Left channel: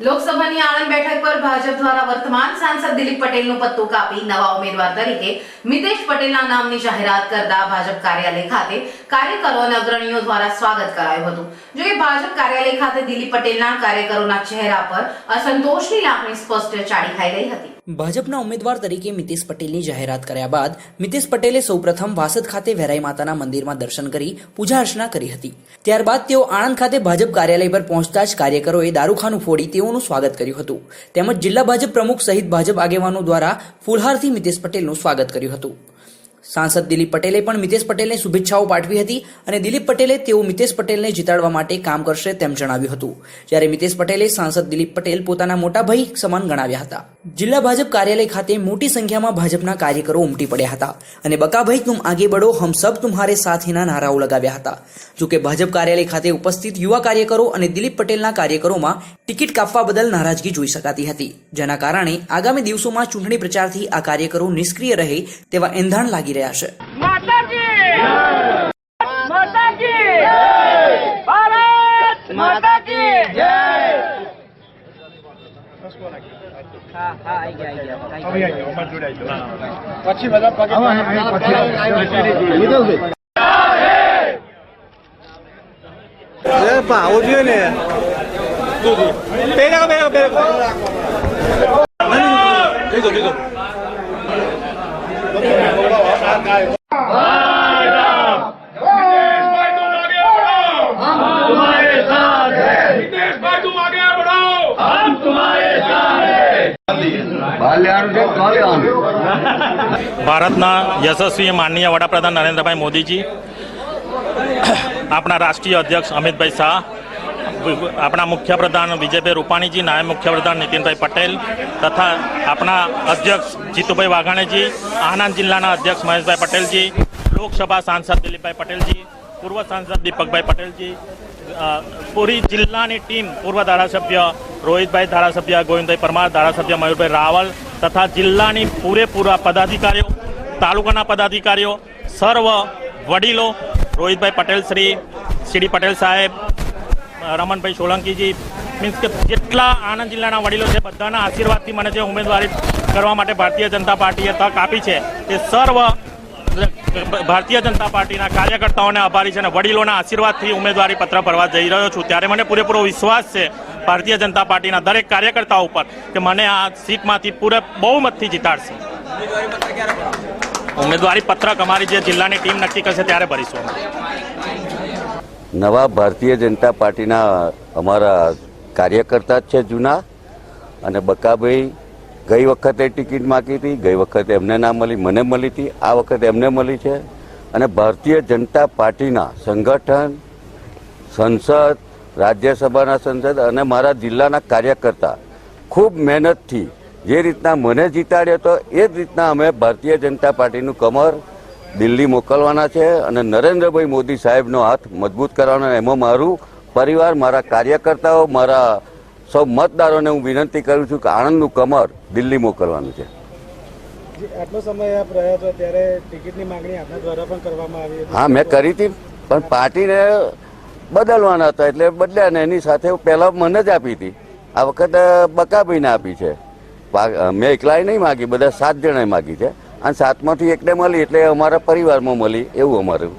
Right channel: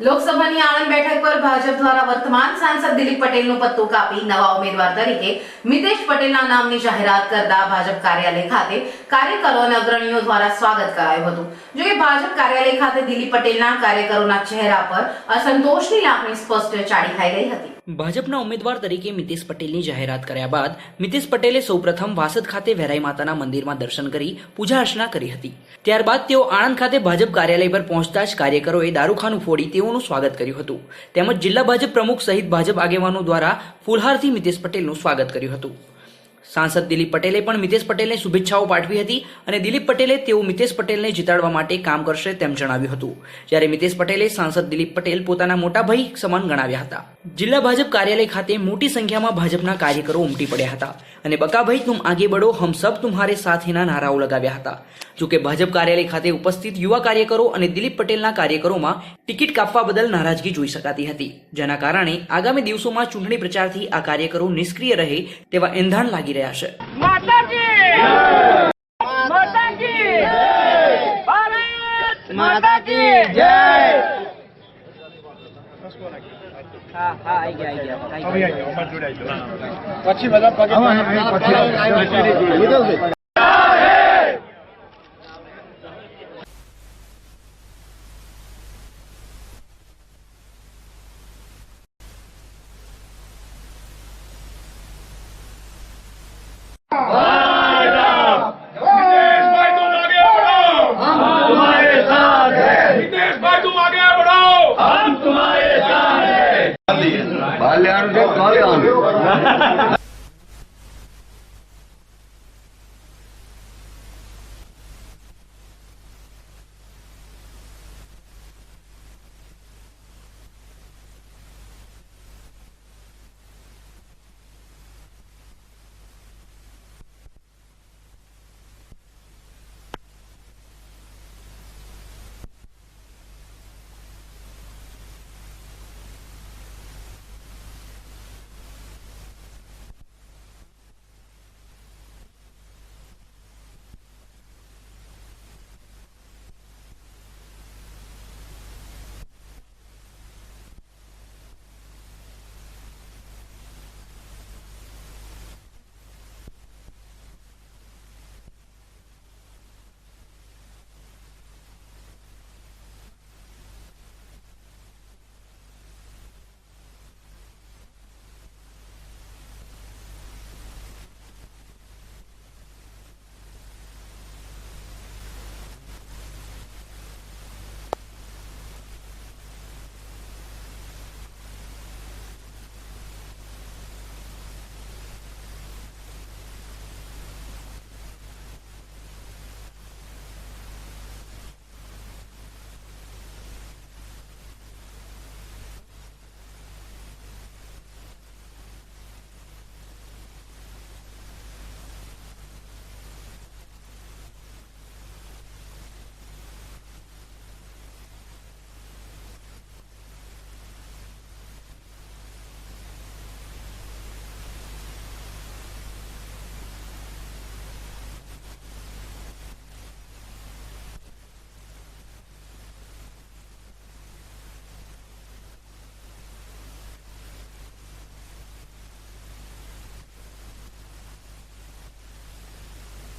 લોકસભાની આણંદ બેઠક પર ભાજપ દ્વારા વર્તમાન સાંસદ દિલીપ પટેલનું પત્તું કાપી નવા ઉમેદવાર તરીકે મિતેશ પટેલના નામની જાહેરાત કરતા ભાજપ કાર્યાલય ખાતે કાર્યકરો અને અગ્રણીઓ દ્વારા સ્વાગત કરાયું હતું. જો કે ભાજપ કાર્યાલય ખાતે દિલીપ પટેલના કાર્યકરોના ચહેરા પર અસંતોષની લાગણી સ્પષ્ટ ચાડી ખાઈ રહી હતી. ભાજપના ઉમેદવાર તરીકે મિતેશ પટેલની જાહેરાત કર્યા બાદ મિતેશ પટેલે સૌપ્રથમ વાસદ ખાતે વેરાઈ માતાના મંદિરમાં દર્શન કરી પૂજા અર્ચના કરી હતી. ત્યારબાદ તેઓ આણંદ ખાતે ભાજપ કાર્યાલય પર પહોંચતા જ કાર્યકરોએ દારૂખાનું ફોડી તેઓનું સ્વાગત કર્યું હતું. તેમજ જિલ્લા ભાજપ પ્રમુખ સહિત ભાજપ આગેવાનો દ્વારા ફૂલહારથી મિતેશ પટેલનું સ્વાગત કર્યું હતું. સાંસદ દિલીપ પટેલે પણ મિતેશ પટેલને શુભેચ્છાઓ પાઠવી હતી અને દિલીપ પટેલે તેઓ મિતેશ પટેલને જીતાડવા માટે કામ કરશે તેમ જણાવ્યું હતું. જ્યારે મિતેશ પટેલે સાંસદ દિલીપ પટેલ પોતાના મોટા ભાઈ સમાન ગણાવ્યા હતા. જિલ્લા ભાજપ કાર્યાલય ખાતે મોટી સંખ્યામાં ભાજપના કાર્યકરો ઉમટી પડ્યા હતા અને બકાભાઈ તુમ આગે બડો હમ સબ તુમ્હારે સાથેના નારાઓ લગાવ્યા હતા. જો કે ભાજપ કાર્યાલય ખાતે ઉપસ્થિત યુવા કાર્યકરો અને દિલીપ પટેલના કાર્યકરોમાં ટિકિટ કાપવા બદલ નારાજગી જોઈ શકાતી હતી. જેના કારણે આગામી દિવસોમાં ચૂંટણી પ્રચારથી આ કાર્યકરો નિષ્ક્રિય રહે તેવા એંધાણ લાગી રહ્યા છે. માતાજી! માતાજી! પછી બધા પગે આવું જોઈએ ને. પેલા પેલા પેલા ભારતના યશસ્વી માનનીય વડાપ્રધાન નરેન્દ્રભાઈ મોદીજી, આપણા રાષ્ટ્રીય અધ્યક્ષ અમિતભાઈ શાહ, આપણા મુખ્યપ્રધાન વિજયભાઈ રૂપાણીજી, નાયબ મુખ્યપ્રધાન નીતિનભાઈ પટેલ તથા આપણા અધ્યક્ષ જીતુભાઈ વાઘાણીજી આણંદ જિલ્લાના અધ્યક્ષ મહેશભાઈ પટેલજી, લોકસભા સાંસદ દિલીપભાઈ પટેલજી, પૂર્વ સાંસદ દીપકભાઈ પટેલજી પૂરી જિલ્લાની ટીમ, પૂર્વ ધારાસભ્ય રોહિતભાઈ, ધારાસભ્ય ગોવિંદભાઈ પરમાર, ધારાસભ્ય મયુરભાઈ રાવલ તથા જિલ્લાની પૂરેપૂરા પદાધિકારીઓ, તાલુકાના પદાધિકારીઓ, સર્વ વડીલો, રોહિતભાઈ પટેલ શ્રી, સીડી પટેલ સાહેબ રમણભાઈ સોલંકીજી, મીન્સ કે જેટલા આણંદ જિલ્લાના વડીલો છે, બધાના આશીર્વાદથી મને જે ઉમેદવારી કરવા માટે ભારતીય જનતા પાર્ટીએ તક આપી છે, તે સર્વ ભારતીય જનતા પાર્ટીના કાર્યકર્તાઓને આભારી છે અને વડીલોના આશીર્વાદથી ઉમેદવારી પત્ર ભરવા જઈ રહ્યો છું. ત્યારે મને પૂરેપૂરો વિશ્વાસ છે ભારતીય જનતા પાર્ટીના દરેક કાર્યકર્તાઓ ઉપર કે મને આ સીટમાંથી પૂરે બહુમતથી જીતાડશે. ઉમેદવારી પત્રક અમારી જે જિલ્લાની ટીમ નક્કી કરશે ત્યારે ભરીશું નવા ભારતીય જનતા પાર્ટીના અમારા કાર્યકર્તા છે જૂના અને બકાભાઈ ગઈ વખતે ટિકિટ માગી હતી, ગઈ વખતે એમને ના મળી, મને મળી હતી, આ વખતે એમને મળી છે. અને ભારતીય જનતા પાર્ટીના સંગઠન, સંસદ, રાજ્યસભાના સંસદ અને મારા જિલ્લાના કાર્યકર્તા ખૂબ મહેનતથી જે રીતના મને જીતાડ્યો હતો, એ જ રીતના અમે ભારતીય જનતા પાર્ટીનું કમર દિલ્હી મોકલવાના છે અને નરેન્દ્રભાઈ મોદી સાહેબનો હાથ મજબૂત કરવાનો એમાં મારું પરિવાર, મારા કાર્યકર્તાઓ, મારા સૌ મતદારોને હું વિનંતી કરું છું કે આણંદનું કમર દિલ્હી મોકલવાનું છે. આટલો સમય આપ રહ્યા છો ત્યારે ટિકિટની માંગણી આપના દ્વારા પણ કરવામાં આવી હા મેં કરી હતી પણ પાર્ટીને બદલવાના હતા એટલે બદલ્યા ને એની સાથે પહેલાં મને જ આપી હતી. આ વખતે બકાભાઈને આપી છે. મેં એકલાએ નહીં માગી બધા સાત જણાએ માગી છે. અને સાતમાંથી એકને મળી એટલે અમારા પરિવારમાં મળી એવું અમારું.